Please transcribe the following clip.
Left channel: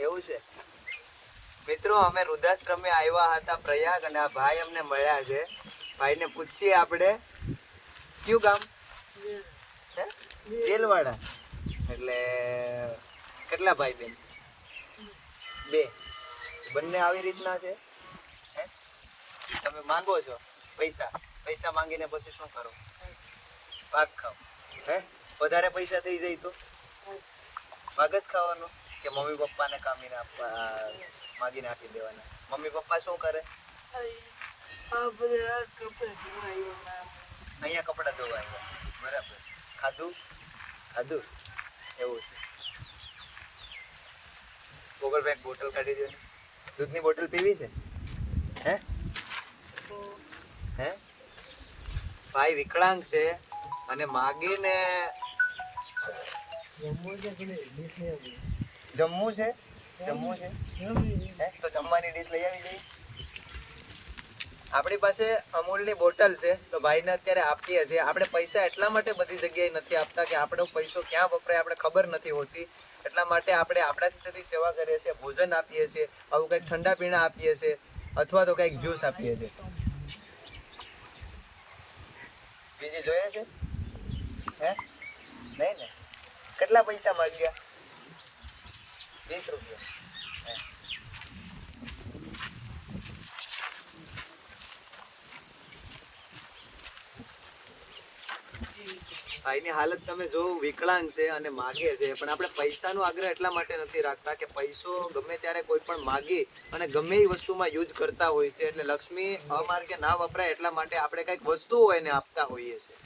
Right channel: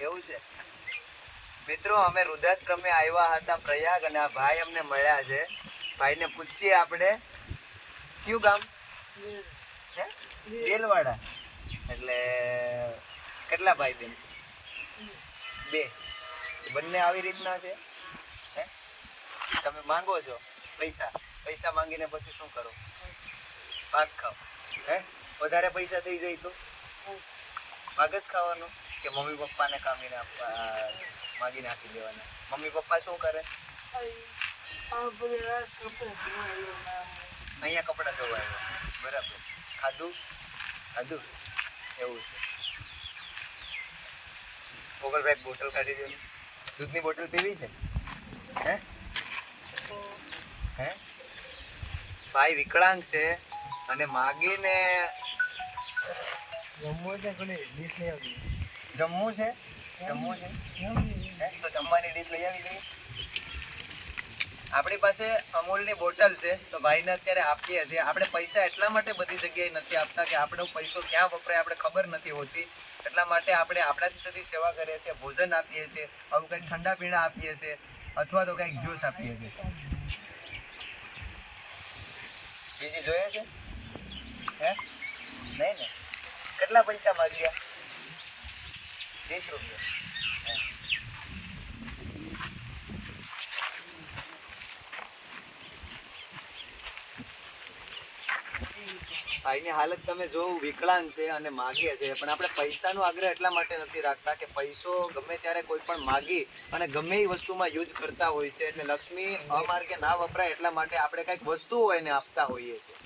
એવું છે. મિત્રો, અમે વૃદ્ધાશ્રમે આવ્યા હતા પ્રયાગ અને આ ભાઈ અમને મળ્યા છે. ભાઈને પૂછીએ આપણે. કયું ગામ? હે? દેલવાડા એટલે કેટલા ભાઈ બેન? બે. બંને આવી રીતના છે? તમે માંગો છો? પૈસા. પૈસા માંગીને પછી શું કરો? ભાત ખાઓ. હે? વધારે પૈસા થઈ જાય તો? જ ખાવાનું કે મમ્મી પપ્પાને કામીને આપવા માગીને આપી દેવાના? મમ્મી પપ્પા શું કરે? અહીંયા કપડાં ધોવા આવ્યા. બરાબર. ખાધું? ખાધું? એવું છે. ગોગલભાઈ બોટલ કાઢી દો દૂધની બોટલ પીવી છે? હે? હે? ભાઈ વિકળાંગ છે અને માગીને જમવું છે? જમવું છે? હે? તો જમવાની ડીશ લઈ આવી જઈએ આપણી પાસે અમૂલની બોટલ છે તો ભાઈને અત્યારે આપીએ છીએ. આપણે પૈસા એટલા માટે બધી જગ્યાએ નથી આપતા કે આપણો પૈસો ક્યાં વપરાય આપણે ખબર નથી હોતી. એટલા માટે આપણે આપણા થતી સેવા કરીએ છીએ ભોજન આપીએ છીએ આવું કંઈક ઠંડા પીણા આપીએ છીએ અથવા તો કંઈક જ્યુસ આપીએ છીએ. બીજી જોઈએ છે? હે? નહીં ને? કેટલા પૈસા માંગ્યા? વીસ રૂપિયા. ભાઈની હાલત તમે જો વિકલાંગ છે અને માગે છે, પણ આપણે પૈસાનો આગ્રહ એટલા માટે નથી રાખતા કે પૈસો ગમે ત્યારે કોઈ પણ માગી અને ગમે એ વસ્તુમાં યુઝ કરતા હોય છે. એટલે લક્ષ્મી અમાર્ગે ના વપરાય એટલા માટે આપણે કંઈક વસ્તુ હોય એને આપતા હોઈએ છીએ.